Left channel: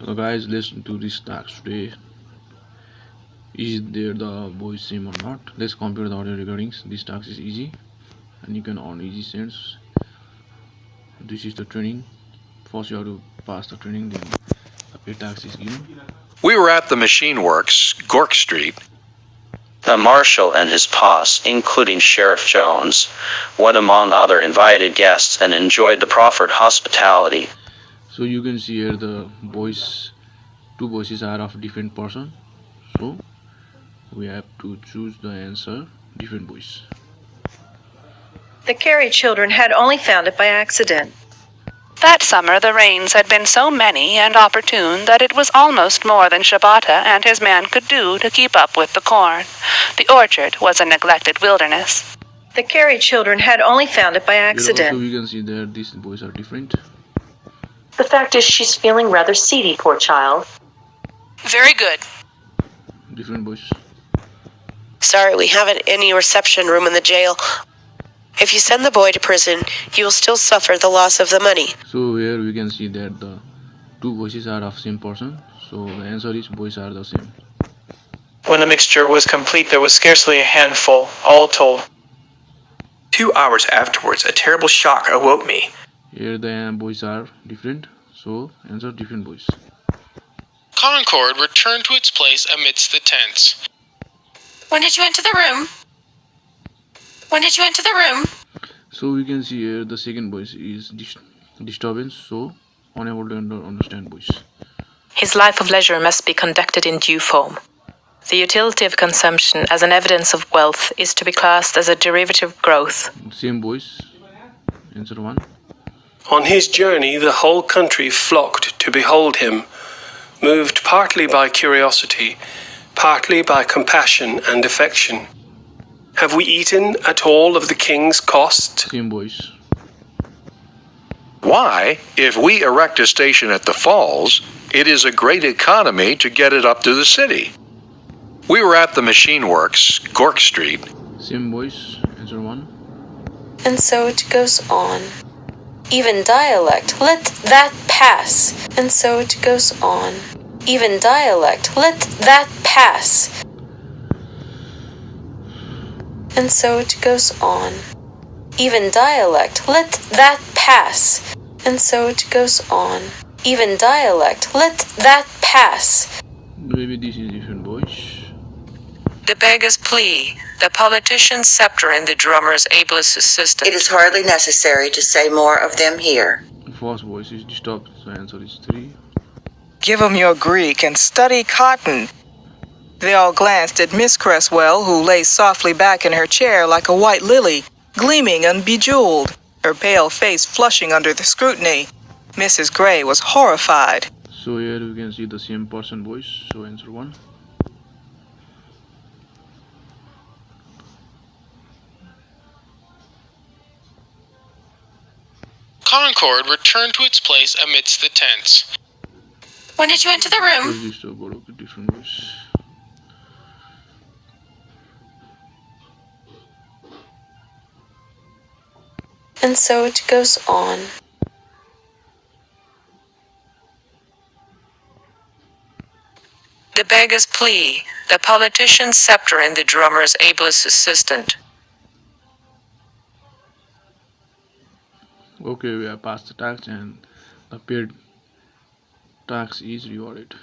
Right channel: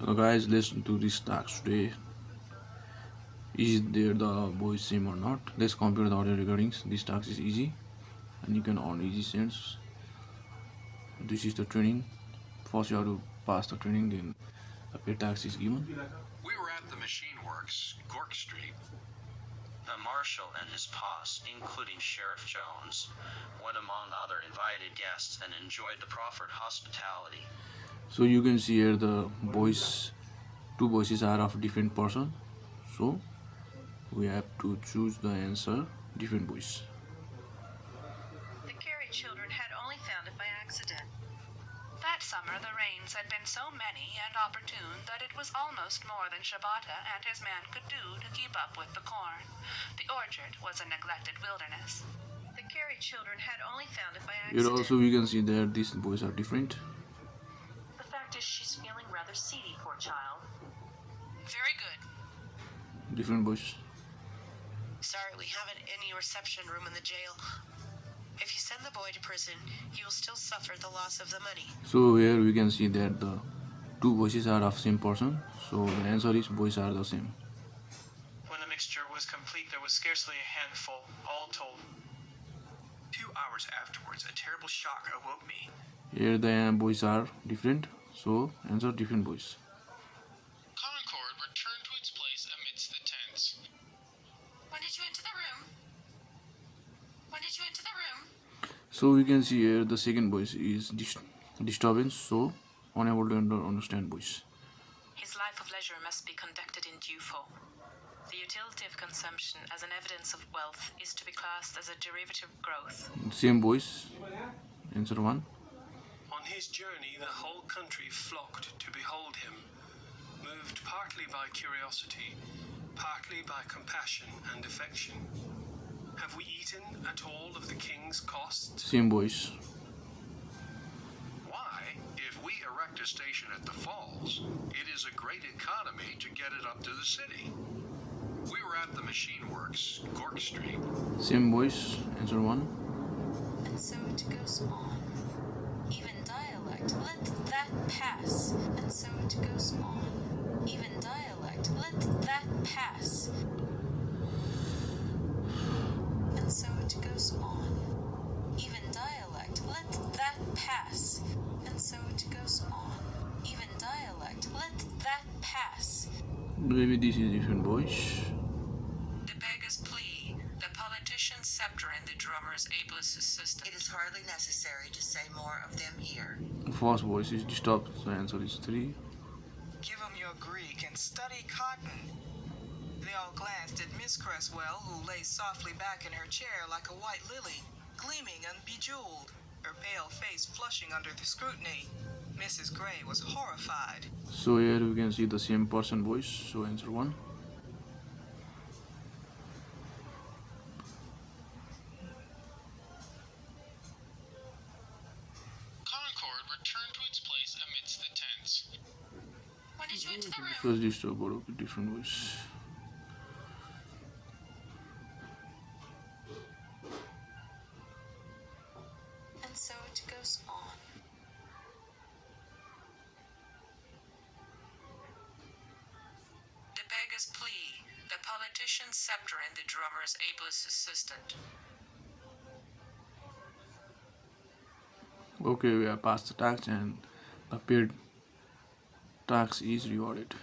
Hello guys, let's do this task today. Is there the voice same or not? Let's compare the audio recordings. This task is easy and you can earn easy cents. This is the training. First you have to pass the training, then the pay tax is given. We were at the Machine Works, Gork Street. The marshal and his posse, including Sheriff Jones, went among other invited guests and enjoyed the proffered hospitality. So you can see here the voice, two voices are of different person. So we have to choose the answer different voice. The Carey children had only found it by accident. That summer the rains had been so many and opportune that it was almost more than Shabata and his man could do to keep up with the corn. The orchard was a neglected wilderness. The Carey children had only found it by Here accident. also we can see that these voices are different. The fact is she's feeling rather seedy, poor child. Very good. Different voice. Sorry, we haven't any reception room in the jail. If you send the boy to prison, you will still suffer the loss of the money. So here we can see that the two voices are of same person. So the answer is voices are the same. When the mixture was complete, there was scarcely a handful, all told. 2 hours afterwards, a terrible shock awoke me. Here the voices are different. So answer different voice. Concord returned to its place amidst the tents. When did you enter the room? When did you enter the room? So we can see here the second voice is disturbance. So unable to understand voice. His life of leisure must be conducted in due form. The utility of consumption as an evidence of wealth is to be classed as a derivative growth. Same voice. Answer 1. On his journey, the whole country flocked to behold him, moved partly by curiosity, partly by compassion and affection. Have we eaten at all of the king's cost? Same voice. Why, if we erect a station at the falls, it is a great economy to get it up to the city. We were at the Machine Works, Gork Street. Same voice. Answer 1. And so it goes on. Even dialect, let that pass. And so it goes on. Even dialect, let that pass. And so it goes on. Even dialect, let that pass. And so it goes on. Even dialect, let that pass. Maybe this is different voice. The beggar's plea, the politician's scepter, and the drummer's ablest assistant. It is hardly necessary to say more of them here. First voice is disturbed. So answer is 3. Give 'em your Greek and study cotton. They all glanced at Miss Cresswell, who lay softly back in her chair like a white lily, gleaming and bejeweled, her pale face flushing under the scrutiny. Mrs. Gray was horrified. So here we can see the same person voice. So answer 1. Concord returned to its place amidst the tents. When did you enter the room? First disturbed, okay, different voice. And so it goes on. The beggar's plea, the politician's scepter, and the drummer's ablest assistant. Okay, we have passed the tax and the paid tax is rewarded.